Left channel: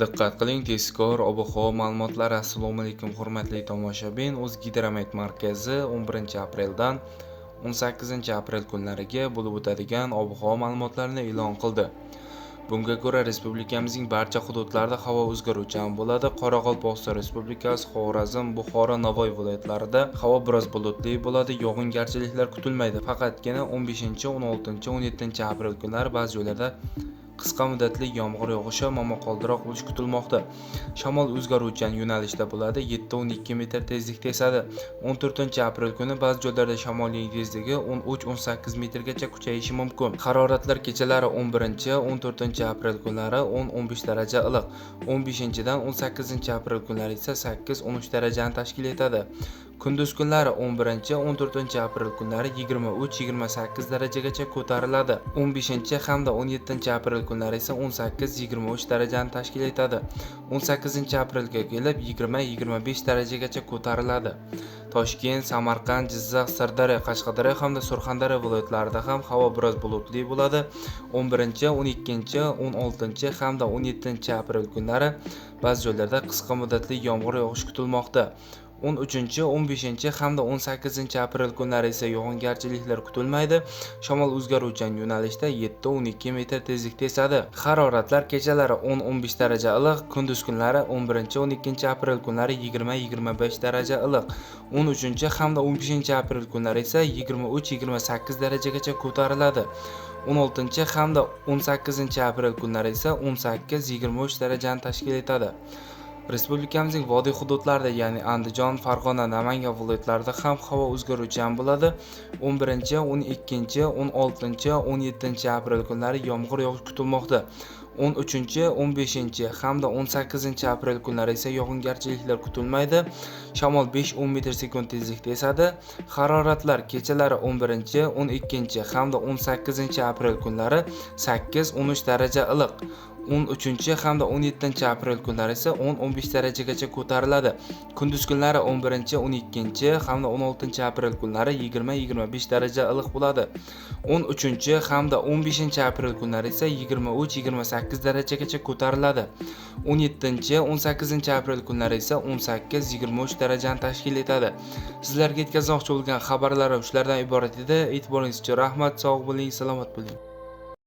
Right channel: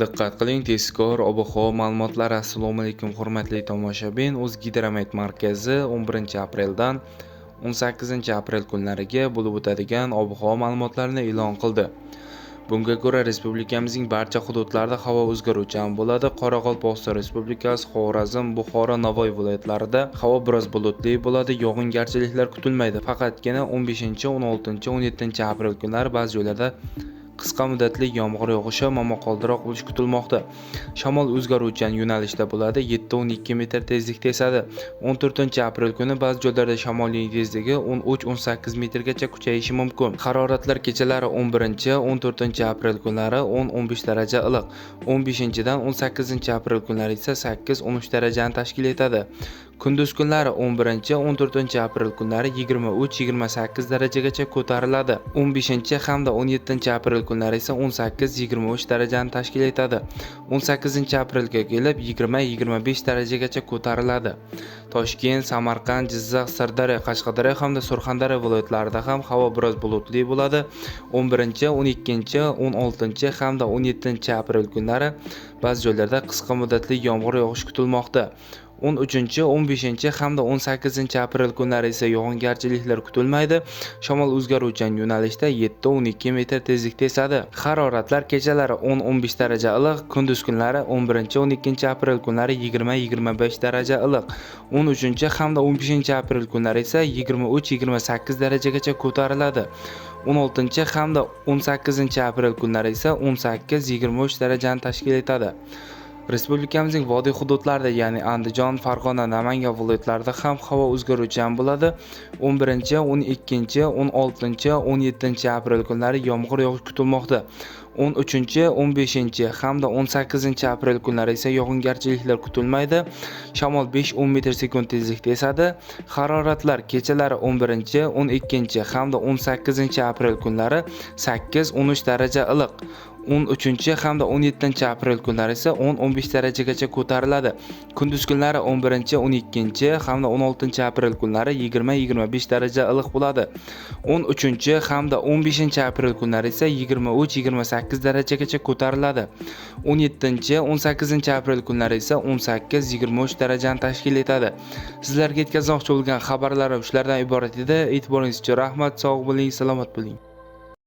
Diqqat qiling, tezkor ob-havo ma'lumotlari. Assalomu alaykum hurmatli tomoshabin. O'zgidromet markazi 11-apreldan 18-aprel kunlariga bo'lib o'tadigan ob-havo ma'lumotlarini e'lon qildi. Bunga ko'ra respublikamizning barcha hududlarida havo o'zgaruvchan bo'ladi. Qoraqalpog'iston Respublikasi, Xorazm, Buxoro, Navoiy viloyatlarida havo biroz bulutli bo'ladi. Yog'ingarchiliklar kutilmaydi. Faqatgina 15, 16, 17-aprel kunlari ba'zi joylarda qisqa muddatli yomg'ir yog'ishi, momaqaldiroq bo'lishi kutilmoqda. Shamol o'zgaruvchan yo'nalishda bo'ladi. 7-12 metr tezlikda esadi. 14-aprel kuni ba'zi joylarda shamolning tezligi 13-18 metrgacha kuchayishi mumkin. Haroratlar kechalari 11-14-aprel kunlari 10-15 daraja iliq, 15-dan 18-aprel kunlari esa 8-13 darajani tashkil etadi. Kunduz kunlari 11-14-aprel kunlari 23-28 darajagacha ko'tariladi. 15 hamda 17-aprel kunlari esa 18-23 darajani tashkil etadi. 18-aprelga kelib 20-25 darajagacha ko'tariladi. Toshkent, Samarqand, Jizzax, Sirdaryo, Qashqadaryo hamda Surxondaryo viloyatlarida ham havo biroz bulutli bo'ladi. 11, 12, 16 hamda 17-aprel kunlari ba'zi joylarda qisqa muddatli yomg'ir yog'ishi kutilmoqda. 13, 15 hamda 18-aprel kunlari esa yog'ingarchiliklar kutilmaydi. Shamol o'zgaruvchan yo'nalishda 7-12 metr tezlikda esadi. Haroratlar kechalari 10-15 daraja iliq, kunduz kunlari 11-12-aprel kunlari 20-25 daraja iliq, 13 hamda 15-aprel kunlari esa 23-28 darajagacha ko'tariladi. 16 hamda 18-aprel kunlari esa 18-23 darajani tashkil etadi. Respublikamizning vodiy hududlarida, ya'ni Andijon, Farg'ona, Namangan viloyatlarida ham havo o'zgaruvchan bo'ladi. 11, 12, 16, 17-aprel kunlari yomg'ir yog'ishi kutilmoqda. 13, 15 hamda 18-aprel kunlari esa yog'ingarchiliklar kutilmaydi. Shamol 5-10 metr sekund tezlikda esadi. Haroratlar kechalari 11, 12 hamda 18-aprel kunlari 8-13 daraja iliq, 13 hamda 17-aprel kunlari esa 10-15 darajagacha ko'tariladi. Kunduz kunlari 11, 12 hamda 16-aprel kunlari 20-25 daraja iliq bo'ladi. 13 hamda 15-aprel kunlari esa 23-28 darajagacha ko'tariladi. 17, 18-aprel kunlari esa 18-23 darajani tashkil etadi. Sizlarga yetkazmoqchi bo'lgan xabarlarim shulardan iborat edi. E'tiboringiz uchun rahmat. Sog' bo'ling, salomat bo'ling.